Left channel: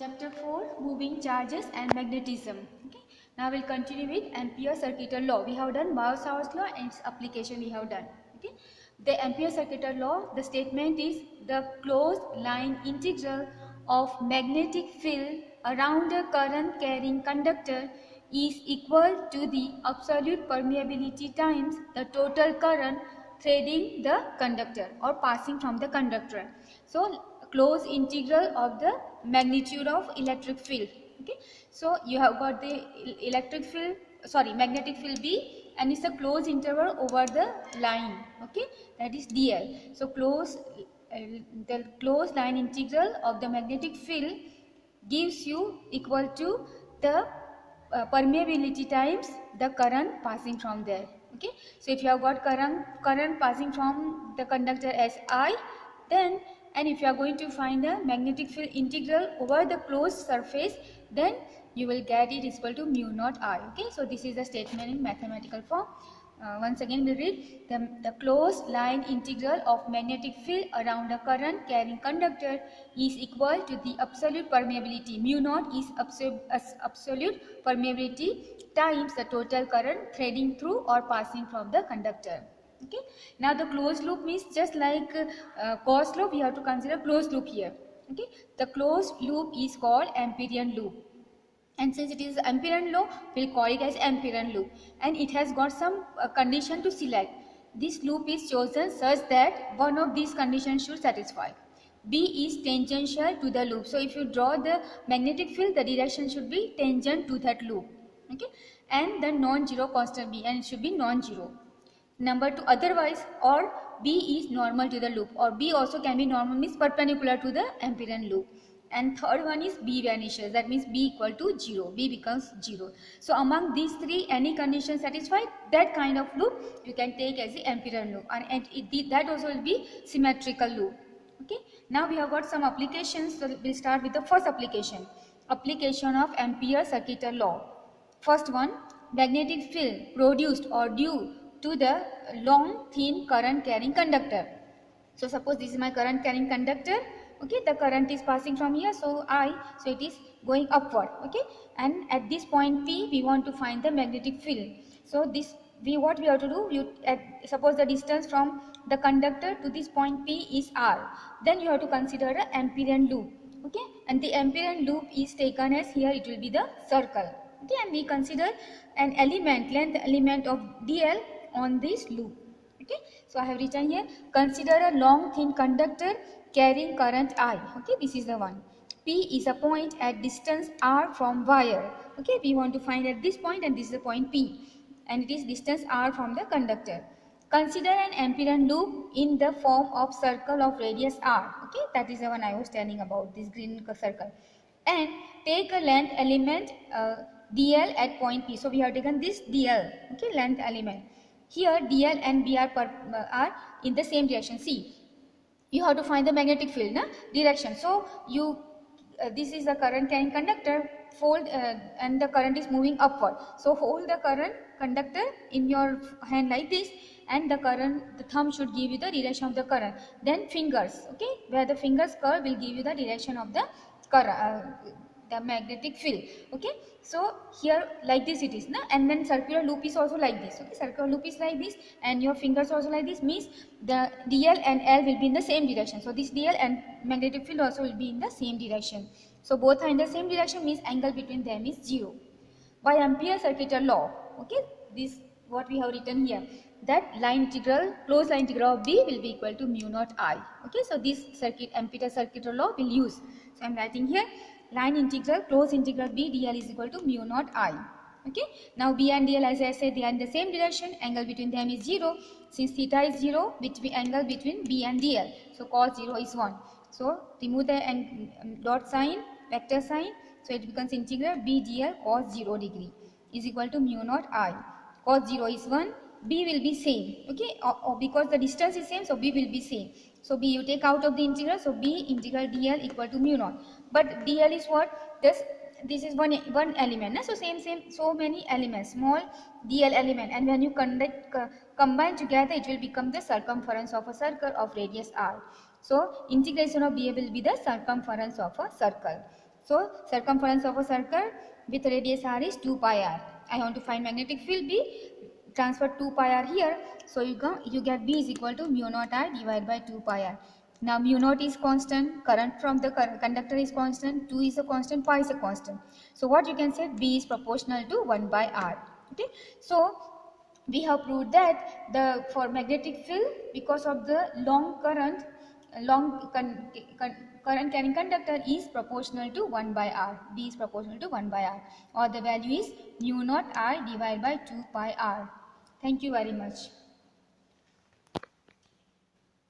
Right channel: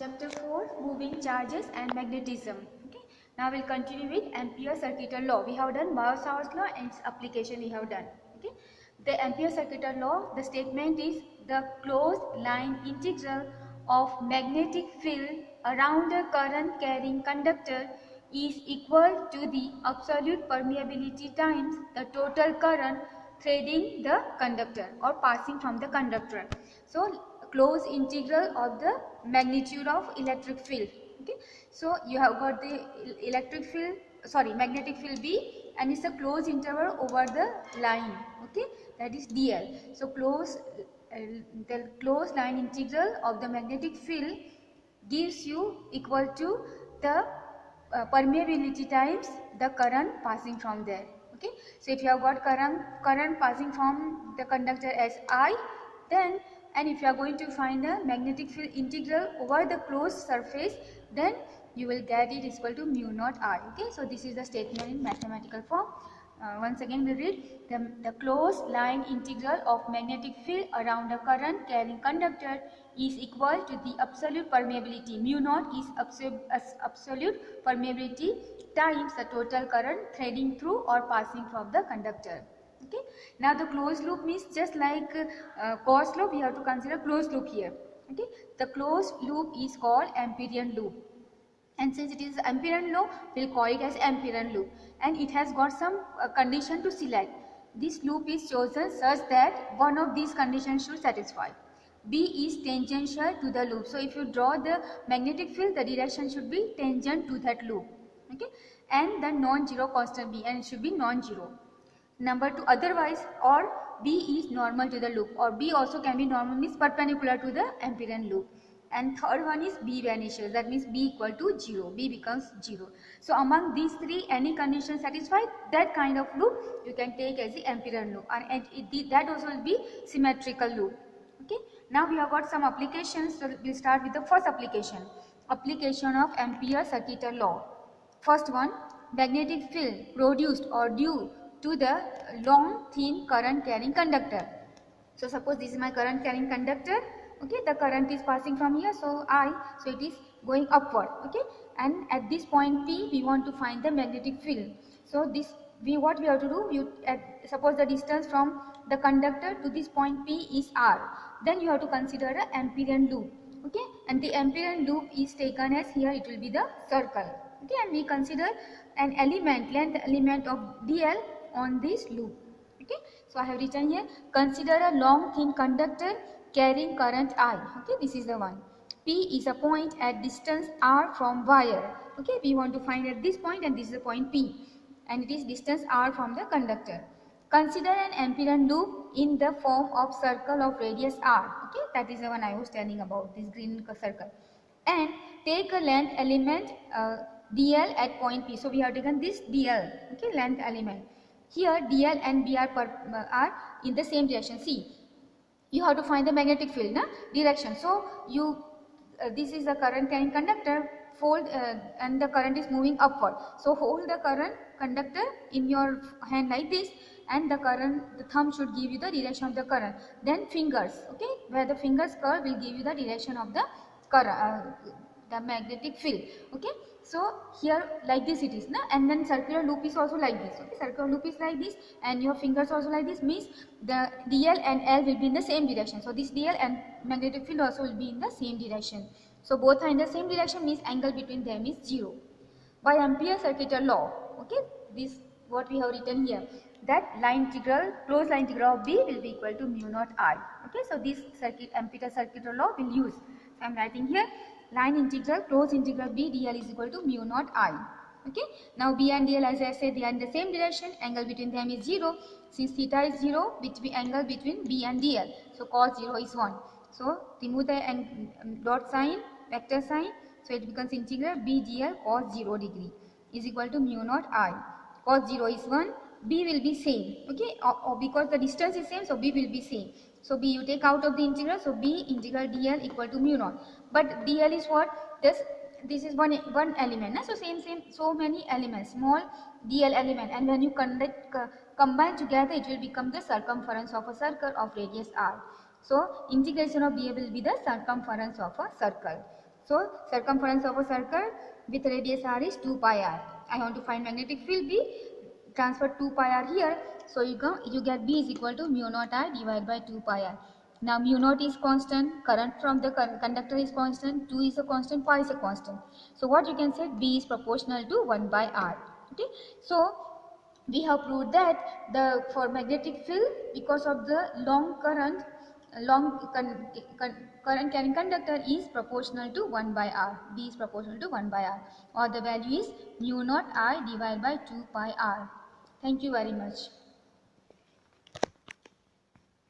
Chapter 4, Moving Charges and Magnetism. Okay. Now we'll continue with Ampere circuital law. We have done Biot-Savart's law and its application we have done. Okay. The Ampere circuital law, the statement is the closed line integral of magnetic field around a current carrying conductor is equal to the absolute permeability times the total current threading the conductor or passing from the conductor. So closed integral of the magnitude of electric field. Okay, so you have got the magnetic field B, and it's a closed interval over the line. Okay, that is dl. So the closed line integral of the magnetic field gives you equal to the permeability times the current passing from there. Okay, so if you have got current passing from the conductor as I, then and if you are going to find the magnetic field integral over the closed surface, then you will get it is equal to mu naught I. Okay, so this is the statement in mathematical form. Once again we read the closed line integral of magnetic field around a current carrying conductor is equal to the absolute permeability. Mu naught is absolute permeability times the total current threading through or passing from the conductor. Okay, now the closed loop means just like closed loop, we have to consider closed loop here. Okay, the closed loop is called Amperian loop, and since it is Amperian law, we'll call it as Amperian loop, and it has got some condition to select. This loop is chosen such that one of these conditions should satisfy. B is tangential to the loop, so if you draw the magnetic field, the direction should be tangent to that loop. Okay, and the non-zero constant B, and it should be non-zero. Number 2, otherwise, or B is normal to the loop, or B also can be normal, means perpendicular to the Amperian loop. And third one is B vanishes, that means B equal to 0, B becomes 0. So among these three, any condition satisfied, that kind of loop you can take as the Amperian loop, and that also will be symmetrical loop. Okay, now we have got some applications, so we'll start with the first application. Application of Ampere circuital law. First one, magnetic field produced or due to the long thin current carrying conductor. So suppose this is my current carrying conductor. Okay, the current is passing from here, so it is going upward. Okay, and at this point P we want to find the magnetic field. So what we have to do, suppose the distance from the conductor to this point P is R, then you have to consider an Amperian loop. Okay, and the Amperian loop is taken as, here it will be the circle. Okay, and we consider an length element of dl on this loop. Okay, so I have written here, consider a long thin conductor carrying current I. Okay, this is the one. P is a point at distance R from wire. Okay, we want to find at this point, and this is the point P, and it is distance R from the conductor. Consider an Amperian loop in the form of circle of radius R. Okay, that is the one I was telling about, this green circle. And take a length element dl at point P. So we have taken this dl, okay, length element. Here dl and b are in the same direction. See, you have to find the magnetic field direction. So this is the current carrying conductor, fold and the current is moving upward. So hold the current conductor in your hand like this, and the thumb should give you the direction of the current. Then fingers, okay, where the fingers curve will give you the direction of the current, the magnetic field. Okay, so here like this it is, and then circular loop is also like this. Okay, circular loop is like this, and your fingers also like this, means the dl and l will be in the same direction. So this dl and magnetic field also will be in the same direction. So both are in the same direction, means angle between them is 0. By Ampere circuital law, okay, this what we have written here, that closed line integral of B will be equal to mu naught I. Okay, so this Ampere circuital law will use. So I am writing here, line integral closed integral B dl is equal to mu naught I. Okay, now B and dl, as I said, they are in the same direction, angle between them is 0. Since theta is 0, angle between B and dl, so cos 0 is 1. So remove the dot sign, vector sign, so it becomes integral B dl cos 0 degree is equal to mu naught I. Cos 0 is 1, B will be same. Okay, or because the distance is same, so B will be same. So B you take out of the integral, so B integral dl equal to mu naught. But dl is what? This is one element. So so many elements, small dl element, and when you combine together, it will become the circumference of a circle of radius r. So integration of dl will be the circumference of a circle. So circumference of a circle with radius r is 2 pi r. I want to find magnetic field B. Transfer 2 pi r here. So you get B is equal to mu naught r divided by 2 pi r. Now mu naught is constant, current from the conductor is constant, 2 is a constant, pi is a constant. So what you can say, B is proportional to 1 by r. Okay. So we have proved that for magnetic field, because of the long current, current carrying conductor is proportional to 1 by r. B is proportional to 1 by r, or the value is mu naught r divided by 2 pi r. Thank you very much.